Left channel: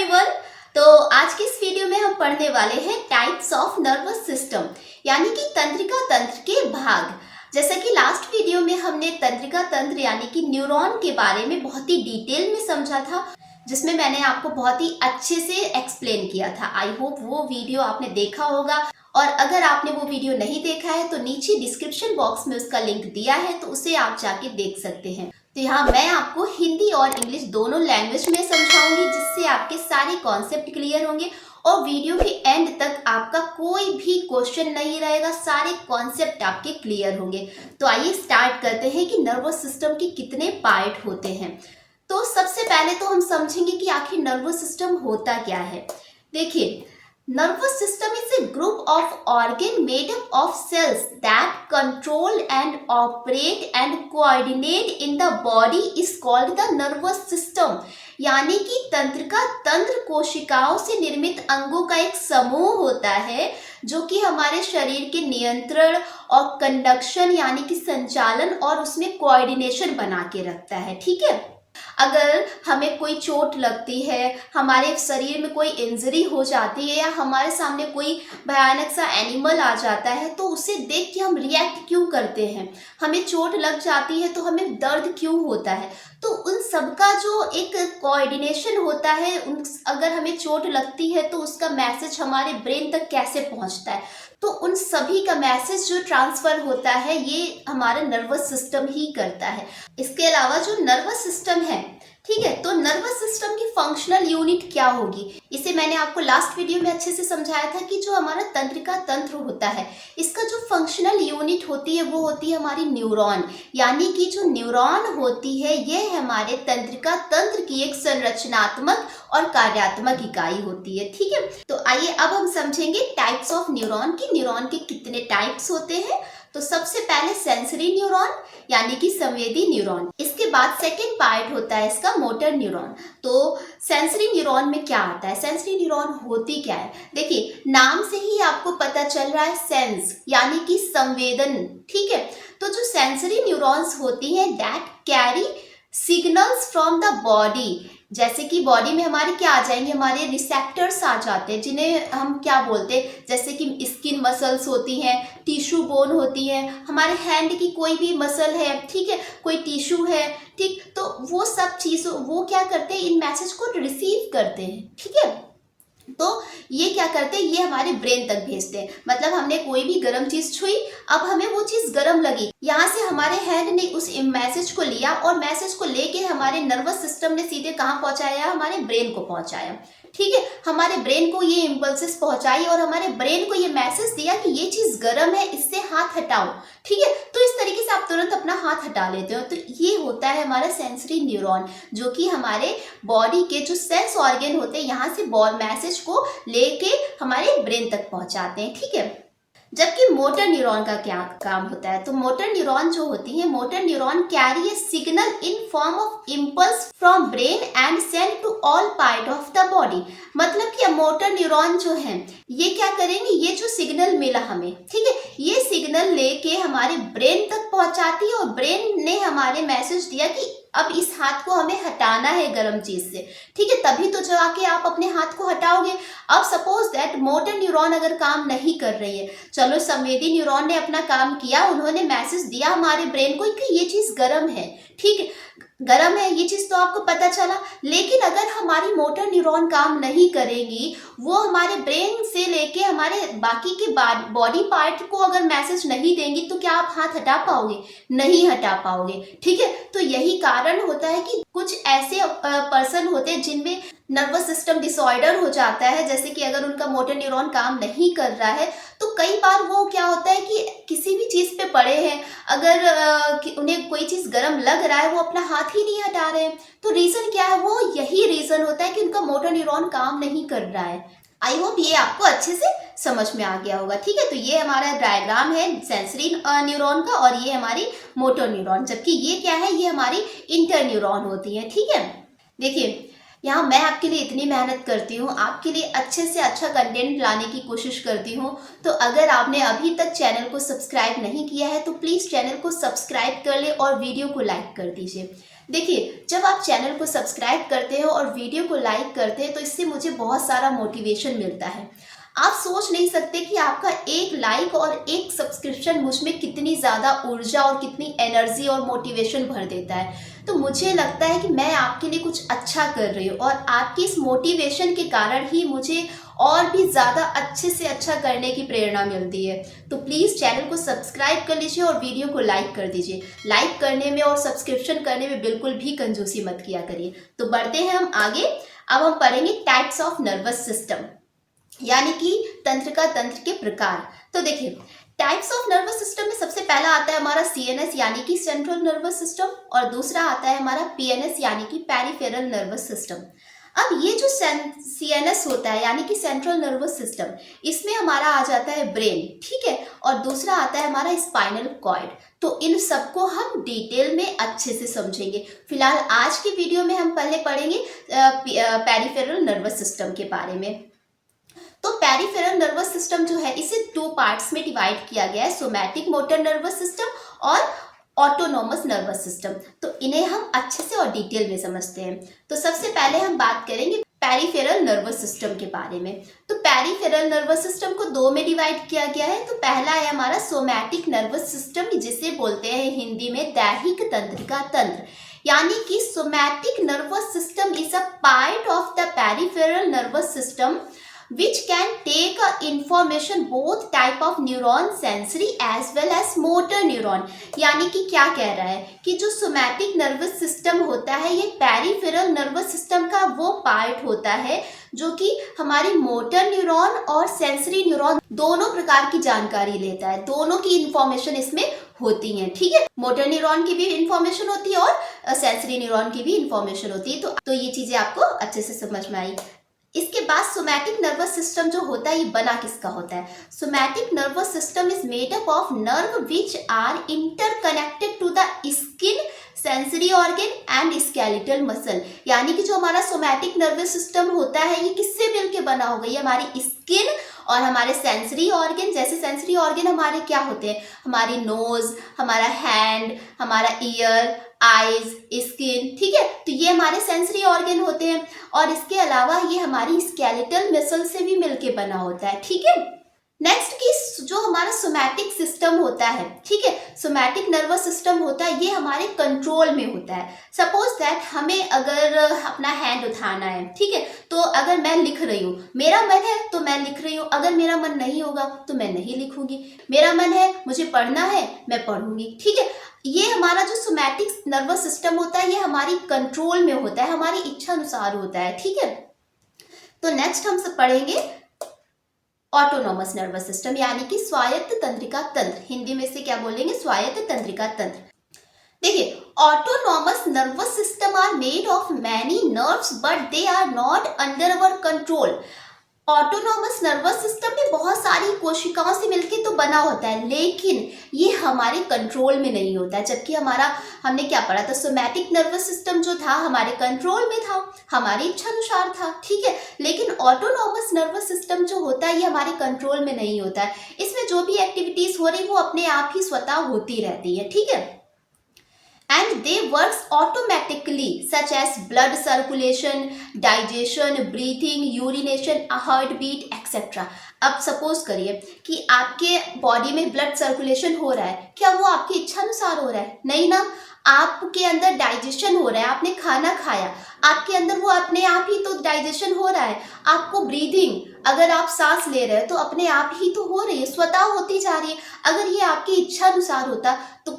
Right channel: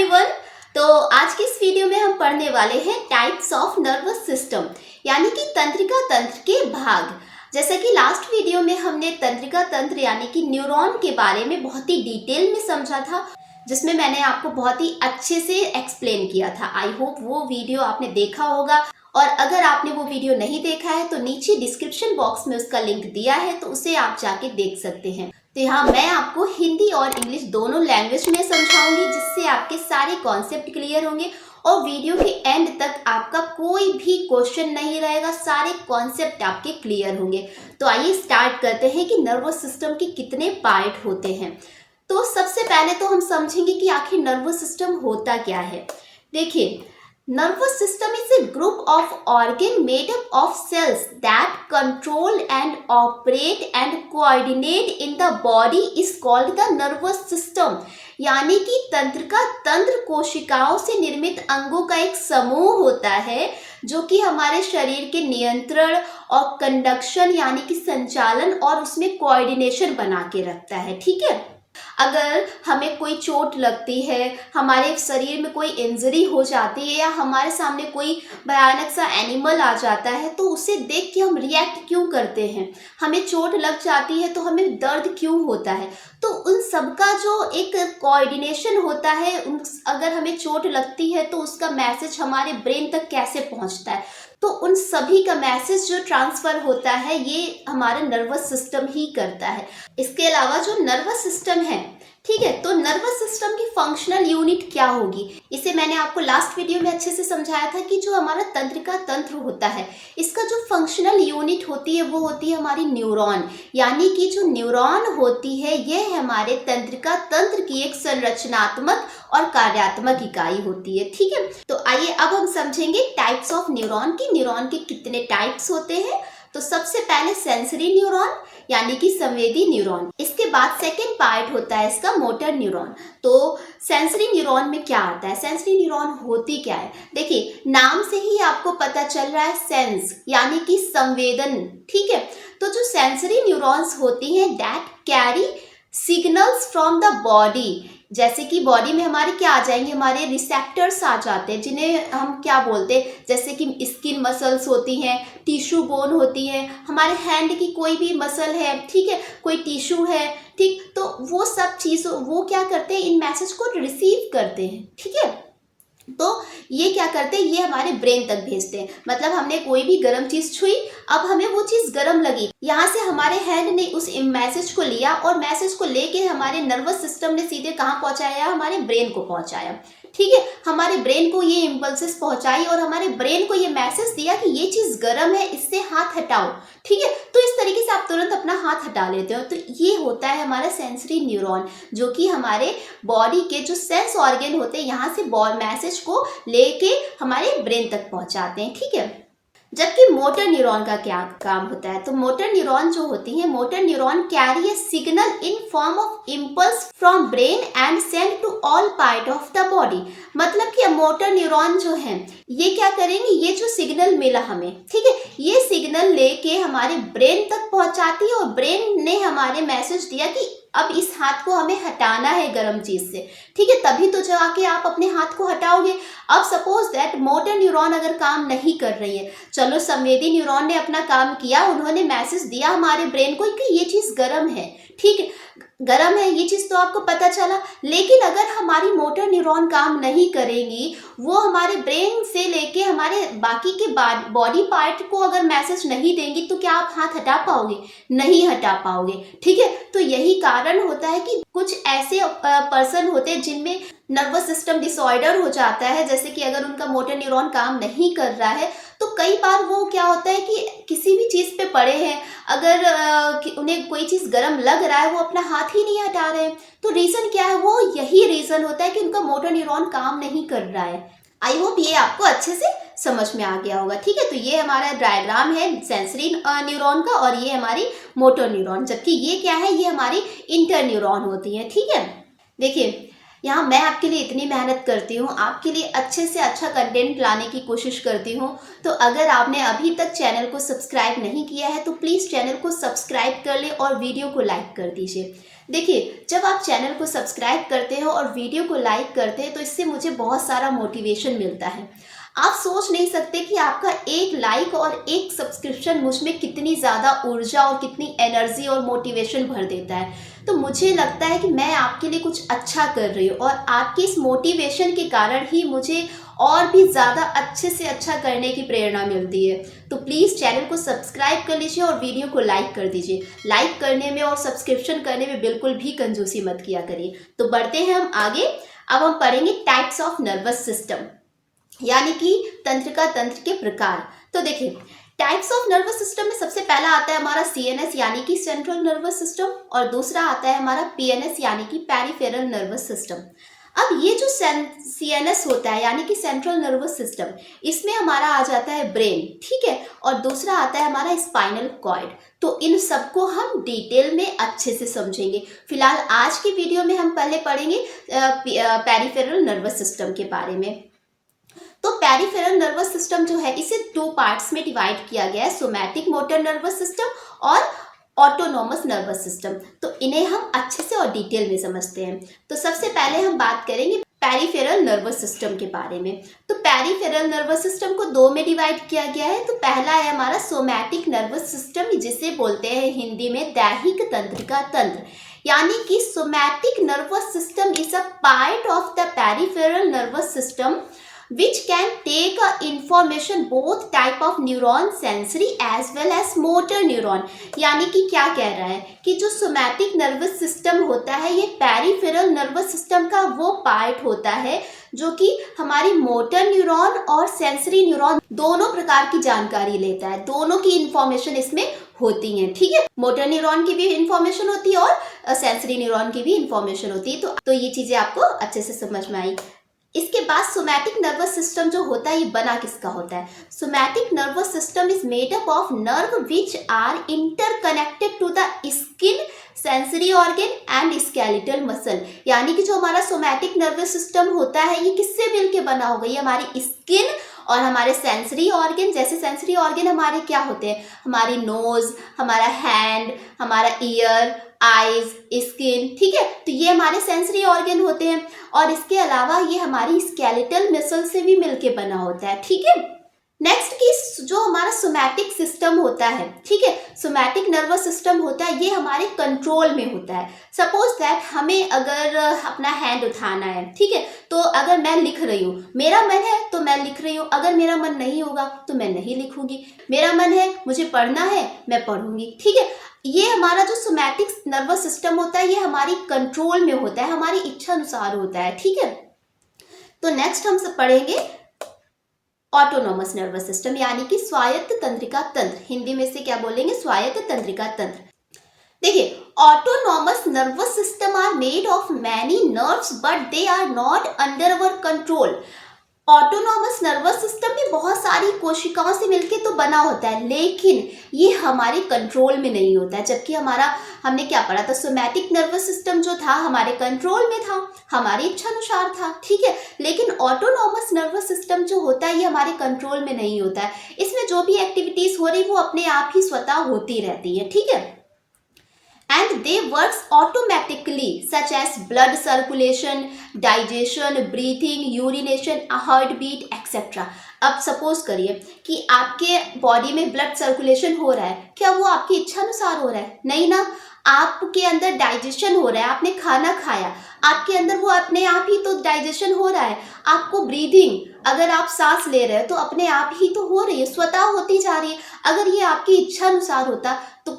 Everyone. तो आज की इस वीडियो में हम पढ़ने वाले हैं टाइप्स ऑफ नर्वस सिस्टम, यानी कि तंत्रिका तंत्र के भाग। जैसा कि लास्ट वीडियो में हमने तंत्रिका तंत्र यानी कि न्यूरॉन के बारे में बहुत ही डिटेल में समझा था, जिसमें मैंने आपको बहुत ही अच्छे से एक्सप्लेन किया था। आई होप वो वीडियो आपने देखा होगा, और अगर आपने वो वीडियो नहीं देखा है तो नीचे डिस्क्रिप्शन बॉक्स में उसका लिंक दिया है, तो उसे आप जाके देख सकते हैं। तो यहाँ मैं आपको हिंदी और इंग्लिश दोनों लैंग्वेज में समझाऊंगी, जिससे आपके सारे कॉन्सेप्ट क्लियर होंगे और वीडियो के एंड तक आपका कोई भी क्वेश्चन नहीं रहेगा, सारे कॉन्सेप्ट आपके क्लियर होंगे। तो आइए स्टार्ट करते हैं कि नर्वस सिस्टम के कितने पार्ट होते हैं। तो सबसे पहले तो हम समझेंगे कि आखिर नर्वस सिस्टम होता क्या है। देखिए, nervous system is a group of organ made up of cells that control and operate and coordinate in the body is called the nervous system। यानी कि तंत्रिका तंत्र कोशिकाओं से निर्मित अंगों का एक समूह होता है, जो कि हमारे शरीर के नियंत्रण और कंडक्शन यानी कि संचालन और उसमें कोऑर्डिनेशन बना के रखता है। ठीक है, अगर हमें कोई चोट लगती है, हमारे शरीर में कोई इंजरी हो जाती है, या हमारे सामने कोई भयानक सा एनिमल आ जाता है, तो उसे देख के हम रिएक्ट क्यों करते हैं। हमें चोट लग जाती है तो हमें दर्द क्यों होता है। तो उन सबका जो एक कोऑर्डिनेशन होता है, अगर हमें चोट लगती है तो उसका मैसेज हमारे ब्रेन तक कैसे पहुंचता है, तो उन सभी का मैसेज जो ट्रांसफ़र होता है ये हमारा नर्वस सिस्टम ही करता है। इसके अलावा जो नर्वस सिस्टम है, ठीक है, तो नर्वस सिस्टम की फंक्शनल यूनिट क्या होगी, इसे मैंने आपको लास्ट वीडियो में अच्छे से समझाया था कि जो हमारा तंत्रिका तंत्र होता है, इसका जो फंक्शनल यूनिट होती है वो होती है हमारी न्यूरॉन। यानी कि जो न्यूरॉन होती है यह हमारे तंत्रिका तंत्र की एक संरचनात्मक और कार्यात्मक इकाई होती है। ठीक है, तो आइए अब हम समझेंगे टाइप्स ऑफ न्यूरॉन की न्यूरॉन के कितने टाइप्स होते हैं। तो सबसे पहले सेंसरी न्यूरॉन यानी कि संवेदी न्यूरॉन, इसके बाद सेकंड पार्ट होता है इसका मोटर न्यूरॉन। तो सेंसरी न्यूरॉन में क्या आता है, सेंसरी न्यूरॉन होती क्या है। देखिए, नाम से ही आपको पता चल रहा है, सेंस यानी कि संवेदन। ठीक है, तो जो सेंसरी न्यूरॉन्स होती हैं that carry signals from the body, जैसे कि बॉडी में हमारे क्या आ जाएंगे, हमारे रिसेप्टर्स आ जाते हैं, जिन्हें हम क्या बोलते हैं, जैसे कि स्किन मसल्स होती हैं, टिश्यू बोन होती है, हमारे हैंड की कोई भी मसल है, ठीक है, कोई टिश्यू है, ठीक, तो वो सब चीज़ वो क्या करते हैं, इन मैसेज को रिसीव करते हैं। ठीक है, तो ये क्या करते हैं, ये हमारे ब्रेन तक भेजते हैं। मतलब हमने कोई भी गर्म चीज़ छुई, अब हमें वो चीज़ गर्म लगी, यहाँ से हमारे हैंड ने उस मैसेज को लिया और मैसेज को लेके हमारे नर्वस सिस्टम ने सीधे कहाँ पहुँचाया, हमारे ब्रेन को पहुँचाया। ठीक है, हमारे ब्रेन को ये इम्पल्सेस पहुंचाई और हमारे ब्रेन को ये मैसेज दिया कि ये चीज़ गर्म है, इससे हाथ हटाओ। ठीक है, तो इस तरीके से आप तुरंत अपना हाथ हटा लेते हो। तो ये होता है हमारा सेंसरी न्यूरॉन, जो कि हमारे बॉडी के जो सेंस ऑर्गन होते हैं यहाँ से मैसेज को लेके हमारे ब्रेन तक पहुंचाते हैं। ठीक है, जबकि मोटर न्यूरॉन का क्या काम होता है, तो मोटर न्यूरॉन जो होती है, motor neuron carry a signal in form of impulse from brain and send to all part of the body. मतलब कि मोटर न्यूरॉन जो है ये क्या करेंगे, ये जो सिग्नल मिला हमें, ठीक है, ये सिग्नल लेके हमारे ब्रेन तक पहुंचाती है और ब्रेन ने हमारे मैसेज दिया कि अब इस हाथ को हमें हटाना है गर्म चीज से। ठीक है, तभी तो जाके आप अपने हाथ को हटाओगे। अब सपोज दैट मोटर न्यूरॉन अगर काम नहीं कर रही है, चलो संवेदी न्यूरॉन ने अपना काम किया, उन्होंने मैसेज दिया हमारे ब्रेन को कि ये चीज गर्म है, ठीक है, गर्म है, ये चीज़ तो आपको पता चला। लेकिन अगर हमारी मोटर न्यूरॉन काम नहीं करेंगी, वो हमारे ब्रेन से लेके हमारे बाकी के बॉडी पार्ट को अगर मैसेज नहीं देंगी, तो क्या आप हाथ हटा पाओगे, नहीं हटा पाओगे। ठीक है, तो यही कारण होता है कि कुछ ऐसे पर्सन होते हैं जिनमें नर्वस सिस्टम डिसऑर्डर हो जाता है, जैसे कि अगर उनका मोटर न्यूरॉन काम नहीं कर रहा है, तो कई बार वो क्या होता है कि किसी भी चीज़ पे पड़े हैं, अगर उन्हें कोई चीज़ गर्म लग रहा है, वो अपना हाथ ही नहीं हटा रहे हैं। तो रीज़न क्या है, वो यही रीज़न होता है कि उनका मोटर न्यूरॉन काम नहीं कर रहा है। आई होप ये आपको अच्छे से समझ में आ गया होगा। ठीक है, तो ये हमारा डायग्राम है सेंसरी न्यूरॉन का, और ये हमारी मोटर न्यूरॉन, जबकि ये क्या है, ये हमारी इंटर न्यूरॉन होती है। ठीक है, देखिए यहाँ मैं आपके लिए इतनी मेहनत करती हूँ, आपके लिए अच्छे से अच्छा कंटेंट लाने की कोशिश करती हूँ। तो अगर आपने अभी तक चैनल को सब्सक्राइब नहीं किया है तो प्लीज़ चैनल को सब्सक्राइब कर ले और वीडियो को लाइक कर दीजिए। देखिए, जब आप चैनल को सब्सक्राइब करते हो और वीडियो को लाइक करते हैं तो इससे मुझे बहुत सारा मोटिवेशन मिलता है। आप सोच नहीं सकते कि आपका एक लाइक और एक सब्सक्रिप्शन मुझ में कितनी ज़्यादा ऊर्जा और कितनी एनर्जी और मोटिवेशन भर देता है। तो मुझे लगता है कि मैं आपके लिए कुछ अच्छा कर रही हूँ और आपकी इस मोटिवेशन के कारण ही मुझे और भी ज़्यादा अच्छे से अच्छा करने की प्रेरणा मिलती है। तो प्लीज़ चैनल को सब्सक्राइब कर लीजिए और वीडियो को लाइक कर दीजिए। लाइक करने में और सब्सक्रिप्शन करने में बिल्कुल भी कंजूसी मत किया करिए। तो बढ़ते हैं हम आगे। अब हम पढ़ेंगे टाइप्स ऑफ नर्वस सिस्टम, यानी कि तंत्रिका तंत्र के प्रकार। तो देखिए, टाइप्स ऑफ नर्वस सिस्टम में सबसे पहला आता है हमारा सीएनएस यानी कि सेंट्रल नर्वस सिस्टम, और दूसरा आता है हमारा पीएनएस यानी कि पेरिफेरल नर्वस सिस्टम। अब ये जो सीएनएस होता है यानी कि सेंट्रल नर्वस सिस्टम, इसमें हमारा आ जाता है ब्रेन, ठीक है, और दूसरा आता है हमारा स्पाइनल कॉर्ड। तो इन सबको हम डिटेल में अच्छे से समझेंगे। फिलहाल आज की वीडियो में हम पहले पढ़ेंगे पेरिफेरल नर्वस सिस्टम के बारे में। तो पेरिफेरल नर्वस सिस्टम जो है इसे 2 पार्ट्स में डिवाइड किया गया है, सोमैटिक मोटर नर्वस सिस्टम और ऑटोनोमस नर्वस सिस्टम। तो इन्हें हम अच्छे से और डिटेल में समझते हैं। तो सबसे पहले हम बात करेंगे पेरिफेरल नर्वस सिस्टम के बारे में। तो पेरिफेरल नर्वस सिस्टम को 2 में डिवाइड किया गया है। तो पहला है हमारा सोमैटिक नर्वस सिस्टम, जिसे बोलते हैं हिंदी में दैहिक तंत्रिका तंत्र, यानी कि somatic nervous system is a part of the peripheral nervous system which can take a information both type of neuron, sensory as well as motor neuron। यानी कि क्या कह रहा है कि जो सोमैटिक नर्वस सिस्टम होता है ये पेरिफेरल नर्वस सिस्टम का वो पार्ट होता है जो कि हमारी मोटर न्यूरॉन और सेंसरी न्यूरॉन दोनों प्रकार की जानकारी लेता है। दोनों की इंफॉर्मेशन इसमें होती है, ठीक है। मोटर न्यूरॉन की भी इंफॉर्मेशन होती है और सेंसरी न्यूरॉन की भी इंफॉर्मेशन होती है। तो ये चीजें आपको अच्छे से समझ में आई। इसके बाद सोमैटिक नर्वस सिस्टम जो होता है ये बना किसका होता है? Somatic nervous system is made up of nerve which are interconnected to the skin, sensory organ and skeletal muscle. यानी कि जो हमारा सोमैटिक नर्वस सिस्टम होता है ये किससे मिलके बना होगा? ये हमारी स्किन और हमारे सेंसरी ऑर्गन, जैसे सेंसरी ऑर्गन हमारे क्या होते हैं? हमारी नोज, हमारा हैंड, हमारा ईयर, आईज, स्किन, ठीक है। तो ये हमारे सेंसरी ऑर्गन होते हैं और इसके अलावा ये हमारी स्केलेटल मसल से भी मिलके बना होता है, ठीक है। नेक्स्ट की जो हमारा सोमैटिक सिस्टम होता है, ठीक है, सोमैटिक नर्वस सिस्टम होता है, ये हमारे कंट्रोल में होता है। सपोज दैट हमें अगर अपना हैंड उठाना है, ठीक है, तो अगर मैं लिख रही हूँ, मेरा मन है तो मैं लिख रही हूँ, अगर मेरा मन नहीं होगा तो मैं नहीं लिखूंगी। मेरा मन है मुझे पढ़ना है, मैं पढ़ूंगी, ठीक है। ये हमारा जो सोमैटिक नर्वस सिस्टम होता है ये हमारी कंट्रोल में होता है, हमारी इच्छा अनुसार होता है, ठीक है। तो नेक्स्ट हम सब पढ़ेंगे ऑटोनोमस नर्वस सिस्टम, यानी कि स्वायत्त तंत्रिका तंत्र। हिंदी में से क्या बोलेंगे? स्वायत्त तंत्रिका तंत्र। देखिए, autonomous nervous system are made of many nerves but they are not under our control. Autonomous nervous system भी बहुत सारी कोशिकाओं से मिलके तो बना होता है, लेकिन ये हमारे कंट्रोल में नहीं होता है। जबकि हमने क्या पढ़ा था? सोमैटिक नर्वस सिस्टम जो था हमारे कंट्रोल में था, हमारी इच्छा अनुसार था, ठीक है। लेकिन ऑटोनोमस नर्वस सिस्टम जो होता है ये हमारे कंट्रोल में नहीं होता है। इसमें जो भी एक्टिविटीज हो रही वो अपने आप ही स्वतः होती रहती है, ठीक है। And they works automatically such as blood circulation, digestion, breathing, urination, heartbeat, etc. अब सपोज करिए कि आपके बॉडी में ब्लड सर्कुलेशन हो रहा है, क्या वो आपकी इच्छा अनुसार हो रहा है? नहीं ना। आपके अंदर डाइजेशन हो रहा है, आपने खाना खाया, आपके अंदर वो अपने आप ही तो डाइजेशन हो रहा है। आपको ब्रीदिंग, अगर आप सांस ले रहे हो तो अपने आप ही तो हो रही है, स्वतः होती जा रही है। अगर ये आपकी इच्छा अनुसार होता तो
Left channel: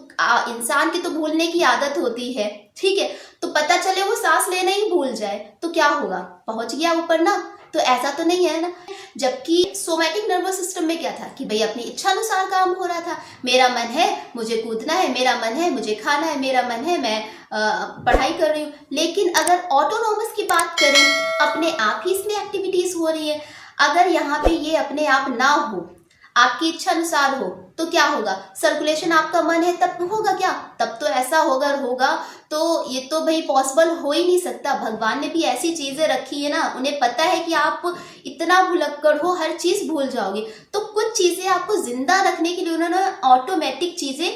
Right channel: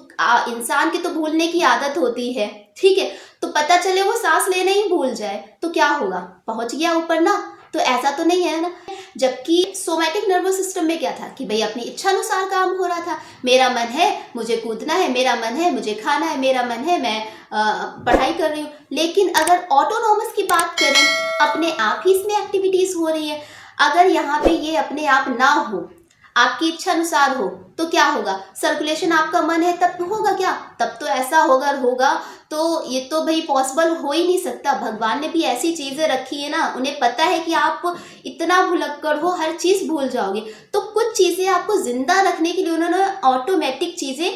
इंसान की तो भूलने की आदत होती है, ठीक है। तो पता चले वो सांस लेना ही भूल जाए तो क्या होगा? पहुंच गया ऊपर ना। तो ऐसा तो नहीं है ना। जबकि सोमैटिक नर्वस सिस्टम में क्या था कि भाई अपनी इच्छा अनुसार काम हो रहा था। मेरा मन है मुझे कूदना है, मेरा मन है मुझे खाना है, मेरा मन है मैं पढ़ाई कर रही हूँ। लेकिन अगर ऑटोनोमस की बात करें, अपने आप ही इसमें एक्टिविटीज हो रही है। अगर यहाँ पे ये अपने आप ना हो, आपकी इच्छा अनुसार हो, तो क्या होगा? सर्कुलेशन आपका मन है तब होगा क्या? तब तो ऐसा होगा तो ये तो भाई पॉसिबल हो ही नहीं सकता। भगवान ने भी ऐसी चीजें रखी है ना, उन्हें पता है कि आप इतना भुलक्कड़ हो, हर चीज भूल जाओगे। तो कुछ चीजें आपको जिंदा रखने के लिए उन्होंने ऑटोमेटिक चीजें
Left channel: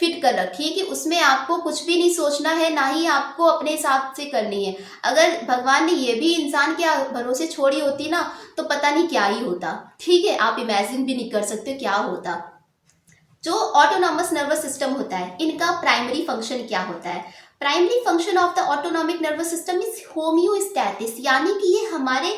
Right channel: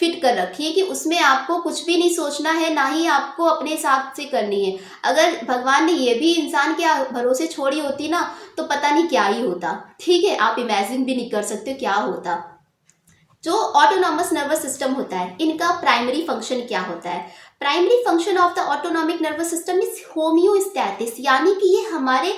फिट कर रखी है कि उसमें आपको कुछ भी नहीं सोचना है, ना ही आपको अपने हिसाब से करनी है। अगर भगवान ने ये भी इंसान के भरोसे छोड़ी होती ना, तो पता नहीं क्या ही होता। ठीक है, आप इमेजिन भी नहीं कर सकते क्या होता। जो ऑटोनॉमस नर्वस सिस्टम होता है, इनका प्राइमरी फंक्शन क्या होता है? Primary function of the autonomic nervous system is homeostasis, यानी कि ये हमारे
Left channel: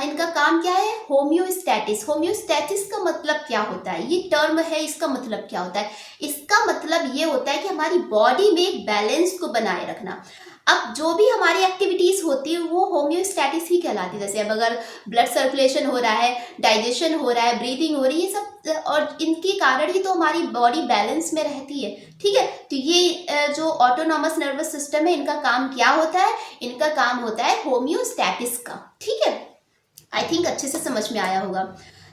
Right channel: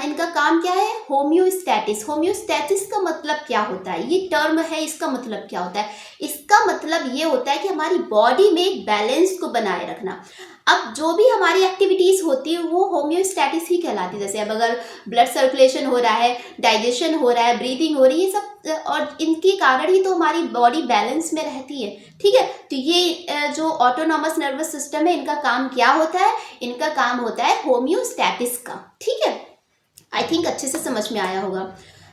इनका काम क्या है? होम्योस्टैटिस। होम्योस्टैटिस का मतलब क्या होता है? ये टर्म है, इसका मतलब क्या होता है? इसका मतलब ये होता है कि हमारी बॉडी में एक बैलेंस को बनाए रखना। अब जो भी हमारी एक्टिविटीज़ होती है वो होम्योस्टैटिस ही कहलाती है। जैसे अब अगर ब्लड सर्कुलेशन हो रहा है, डाइजेशन हो रहा है, ब्रीदिंग हो रही है, ये सब और इनके कारण ही तो हमारी बॉडी बैलेंस में रहती है। ठीक है, तो ये जो ऑटोनॉमस नर्वस सिस्टम है, इनका काम क्या होता है? इनका काम होता है होम्योस्टैटिस का। ठीक है, आई थिंक अच्छे से समझ में आया होगा।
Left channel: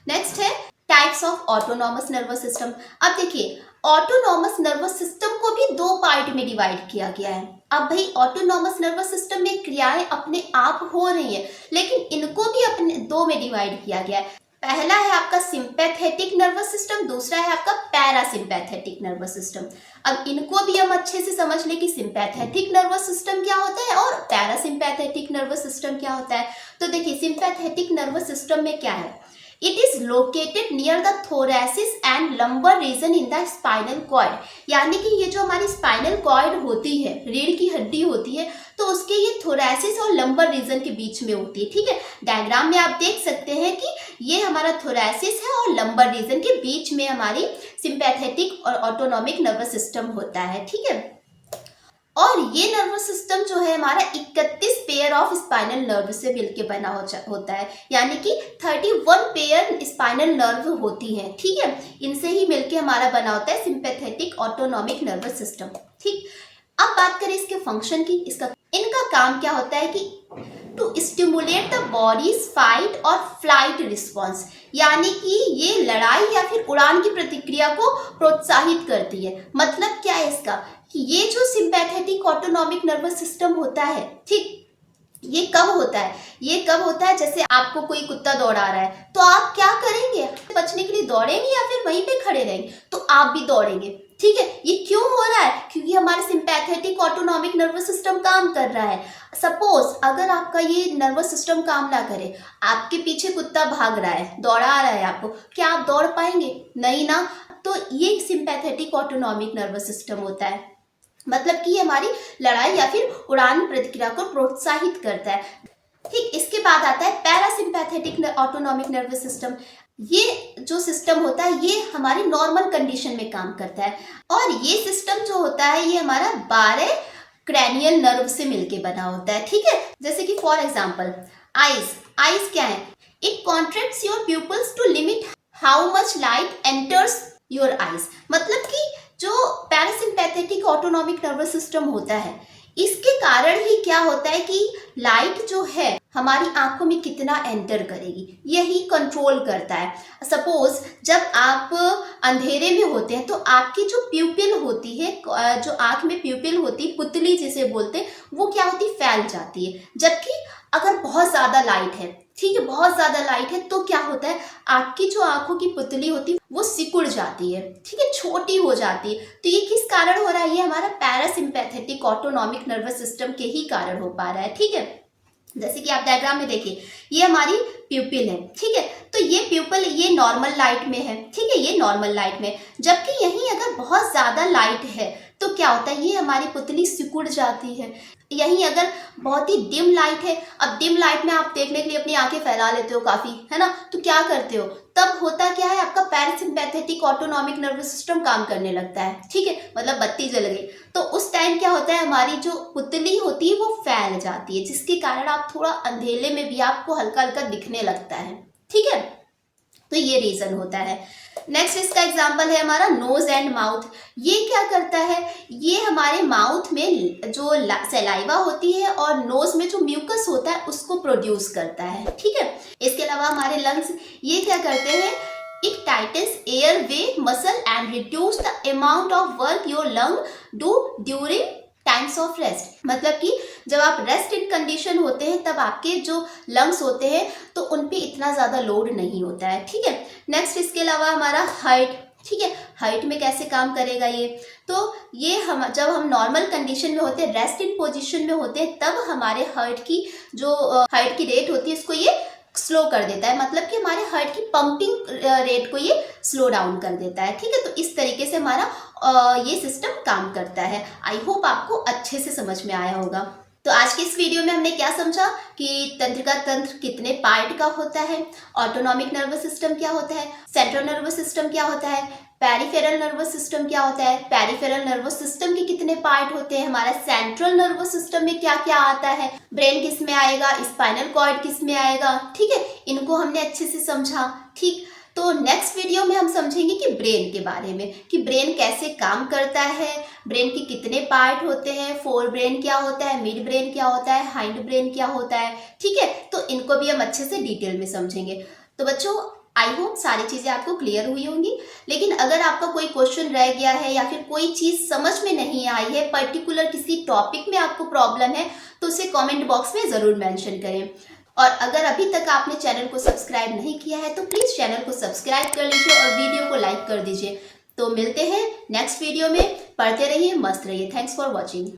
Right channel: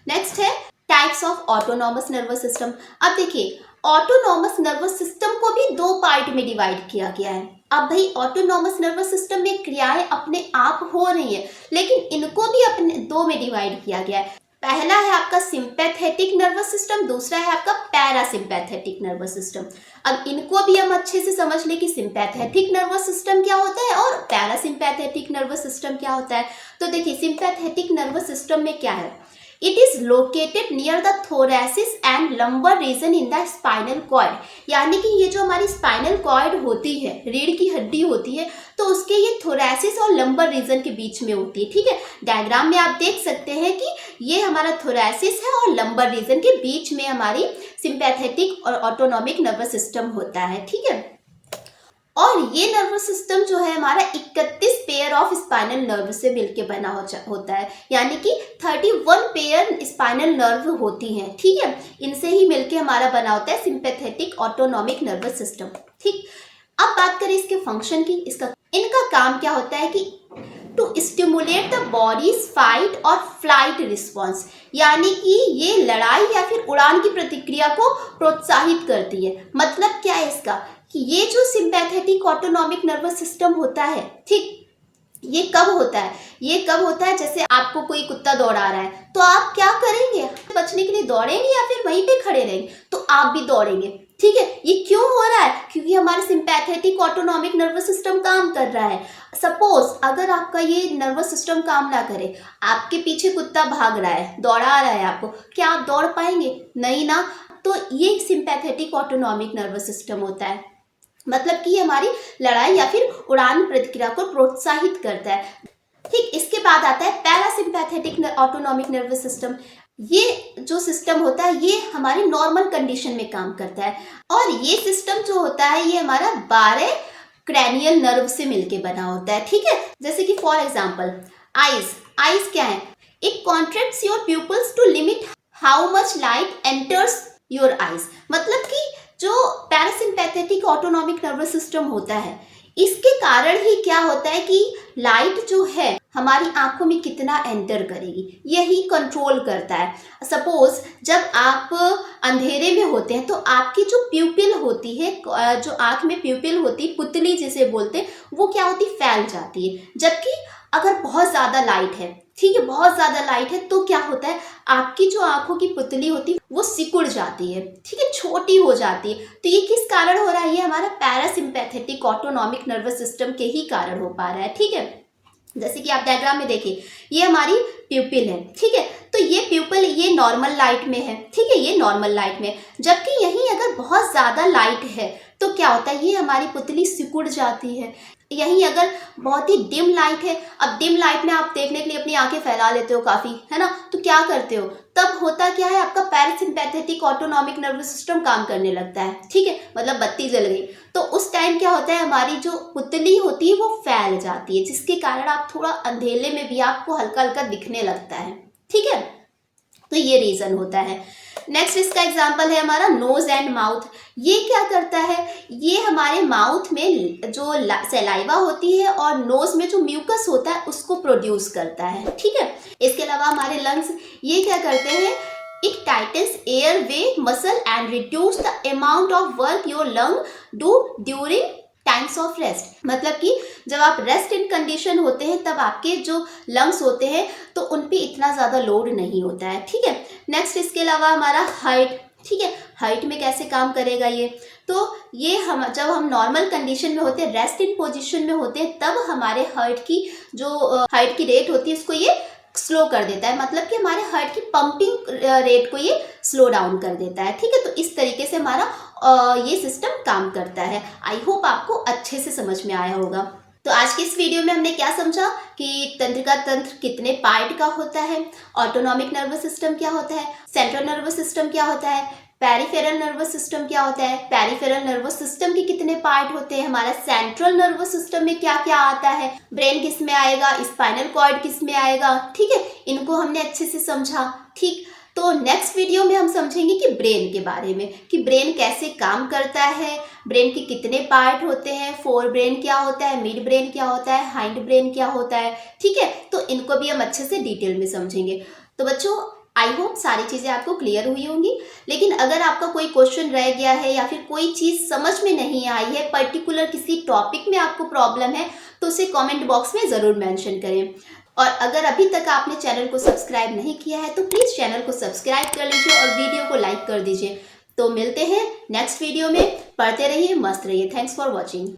नेक्स्ट है types of autonomous nervous system. अब देखिए, ऑटोनॉमस नर्वस सिस्टम को भी दो पार्ट में डिवाइड किया गया है। अब भाई ऑटोनॉमस नर्वस सिस्टम में क्रियाएं अपने आप हो रही हैं, लेकिन इनको भी अपने दो में डिवाइड किया गया है। पहला है आपका सिंपैथेटिक नर्वस सिस्टम, दूसरा है आपका पैरासिम्पैथेटिक नर्वस सिस्टम। अब इनको भी हम अच्छे से समझ लें कि सिंपैथेटिक नर्वस सिस्टम क्या होता है और पैरासिम्पैथेटिक नर्वस सिस्टम क्या होता है। तो देखिए, सिंपैथेटिक नर्वस सिस्टम में क्या है? It is located near the thoracic and lumbar region in the spinal cord, यानी कि ये जो हमारी स्पाइनल कॉर्ड होती है, रीढ़ की हड्डी होती है, तो उसके ये थोरैसिस और लंबर रीजन के बीच में होती है। ठीक है, डायग्राम में आप देख सकते हैं कि ये हमारा थोरैसिस है और लंबर रीजन के बीच में हमारी सिंपैथेटिक और ऑटोनॉमिक नर्वस सिस्टम होता है। ठीक है, और ये नर्वस सिस्टम जो है हमारा 31 पेयर ऑफ स्पाइनल नर्व से मिलकर बना होता है, यानी कि 31 पेयर स्पाइनल नर्व होती हैं। ठीक है, इनसे ही मिलकर हमारा बना होता है सिंपैथेटिक ऑटोनॉमिक नर्वस सिस्टम। ठीक, अब बात करें इसके फंक्शन की। इनका काम क्या होता है कि to stimulate the body's fight और फ्लाइट रिस्पॉन्स, यानी कि ये लड़ाई या फिर उड़ान की प्रतिक्रिया को प्रोत्साहित करती है। मतलब क्या है इसका? कि ये जो सिंपैथेटिक ऑटोनॉमिक नर्वस सिस्टम होता है, ठीक, ये कब होता है? ये कब होता है? जैसे आपको कोई कुत्ता दौड़ा रहा है, तो आप क्या करेंगे? बचने के लिए दौड़ेंगे या फिर वहीं पे खड़े रहेंगे? तो आप भी दौड़ेंगे। ठीक है, ये क्यों हो रहा है? क्योंकि हमारा सिंपैथेटिक ऑटोनॉमिक नर्वस सिस्टम काम कर रहा है। सपोज अगर आपका ये नर्वस सिस्टम काम ना करे, आपके पीछे कुत्ता भाग रहा है, दौड़ा रहा है आपको, क्या आप दौड़ पाएंगे? नहीं ना। तो ये सिंपैथेटिक ऑटोनॉमिक नर्वस सिस्टम होता है, मतलब कि हमारी लड़ाई या फिर उड़ान प्रतिक्रिया को प्रोत्साहित करता है। ठीक, इसके बाद आता है पैरासिम्पैथेटिक ऑटोनॉमिक नर्वस सिस्टम। ये जो सिस्टम होता है ये हमारी नॉर्मल कंडीशन में काम करता है, और ये सिस्टम जो होता है ये हमारा 12 क्रैनियल नर्व से मिलके बना होता है। ठीक है, जैसे कि फॉर एग्जांपल आईज क्या है? It contracts your pupils to limit how much light enters your eyes. मतलब कि जो पैरासिम्पैथेटिक ऑटोनॉमिक नर्वस सिस्टम होता है, इसके कारण ही क्या होता है कि लाइट जो है हमारी आंखों में कितना एंटर करेगी, यही कंट्रोल करता है। सपोज जब आप अंधेरे में होते हैं तो आपकी जो प्यूपिल होती है, जो आंख में प्यूपिल होती है, पुतली जिसे बोलते हैं, वो क्या होती? फैल जाती है। जबकि अगर बहुत ज़्यादा लाइट है, ठीक है, बहुत ज़्यादा लाइट है, तो क्या होता है? आपकी जो आंखों की पुतली होती है वो सिकुड़ जाती है, ठीक है, छोटी हो जाती है। तो ये किस कारण हो रहा है? ये हमारा पैरासिम्पैथेटिक ऑटोनॉमिक नर्वस सिस्टम के ही कारण हो पा रहा है। ठीक है, जैसे कि आप डायग्राम में देखिए, ये हमारी प्यूपिल है। ठीक है, तो ये प्यूपिल ये नॉर्मल लाइट में है। ठीक है, ये नॉर्मल लाइट में, जबकि यहीं अगर बहुत ज़्यादा लाइट है तो क्या होता है? ये हमारी पुतली सिकुड़ जाती है। यहीं अगर बहुत ही डिम लाइट है, अब डिम लाइट में आप देखने के लिए अपनी आंखें फैला लेते हो काफ़ी, है ना, तो क्या करते हो? तब होता क्या है? आपका पैरासिम्पैथेटिक ऑटोनॉमिक नर्वस सिस्टम काम करने लगता है। ठीक है, मतलब बत्ती जल गई, तो उस टाइम क्या होता है? हमारी जो पुतली होती है वो फैल जाती है, जिसके कारण आप थोड़ा अंधेरे में भी आपको हल्का हल्का दिखने लगता है। ठीक है, तो ये रीज़न होता है। नेक्स्ट इसका एग्जाम्पल है हमारा नोज एंड माउथ। ये क्या करता है? ये हमारे माउथ में जो सलाइवा होती है और नोज में जो म्यूकस होता है उसको प्रोड्यूस करता है। ठीक है, इसके अलावा हमारे लंग्स ये क्या करते हैं? It titans air way muscle and reduce the amount of work your lung do during times of rest. मतलब कि जब आप रेस्ट इन कंडीशन होते हैं तब आपके जो लंग्स होते हैं तो उन पे इतना ज़्यादा लोड नहीं होता है। ठीक है, नेक्स्ट इसके अलावा हमारा हाइट। ठीक है, हाइट में कैसे काम करेगा ये। तो ये हम जब हम नॉर्मल कंडीशन में होते हैं, रेस्ट इन पोजीशन में होते हैं, तब हमारे हार्ट की जो हार्ट की रेट होती है इसको ये स्लो कर देता है, मतलब कि हमारे हार्ट की पंपिंग रेट को ये स्लो डाउन कर देता है। ठीक है, तो इस तरीके से हमारा ये सिस्टम काम करता है। आई होप आपको अच्छे से समझ में आया होगा। तो आज की इस वीडियो में हमने क्या समझा कि तंत्रिका तंत्र कितने पार्ट का होता है, ऑटोनॉमिक नर्वस सिस्टम क्या होता है, सेंट्रल नर्वस सिस्टम क्या होता है, पेरिफेरल नर्वस सिस्टम क्या होता है, पेरिफेरल नर्वस सिस्टम के कितने पार्ट होते हैं, हमारा सेंट्रल नर्वस सिस्टम में क्या क्या आता है, ब्रेन किस में आएगा, स्पाइनल कॉर्ड किस में आएगा। ठीक है, इनको हमने अच्छे से समझा। ठीक, तो नेक्स्ट वीडियो में हम समझेंगे कि ब्रेन के बारे में, कि ब्रेन कैसे काम करता है, ब्रेन के कितने पार्ट होते हैं, फोर ब्रेन क्या होता है, मिड ब्रेन क्या होता है, हाइंड ब्रेन क्या होता है। ठीक है, तो इनको भी हम अच्छे से डिटेल में समझेंगे। तो बच्चों, आई होप सारी चीज़ें आपको क्लियर हुई होंगी। लेकिन अगर आपका कोई क्वेश्चन रह गया है या फिर कोई चीज़ समझ में नहीं आई है, पर्टिकुलर किसी टॉपिक में आपको प्रॉब्लम है, तो उसे कमेंट बॉक्स में ज़रूर मेंशन करें। और अगर अभी तक आपने चैनल को सब्सक्राइब नहीं किया है तो प्लीज़ चैनल को सब्सक्राइब कर लीजिए और वीडियो को लाइक कर दीजिए। तो मिलते हैं नेक्स्ट वीडियो में। पढ़ते रहिए, मस्त रहिए। Thanks for watching.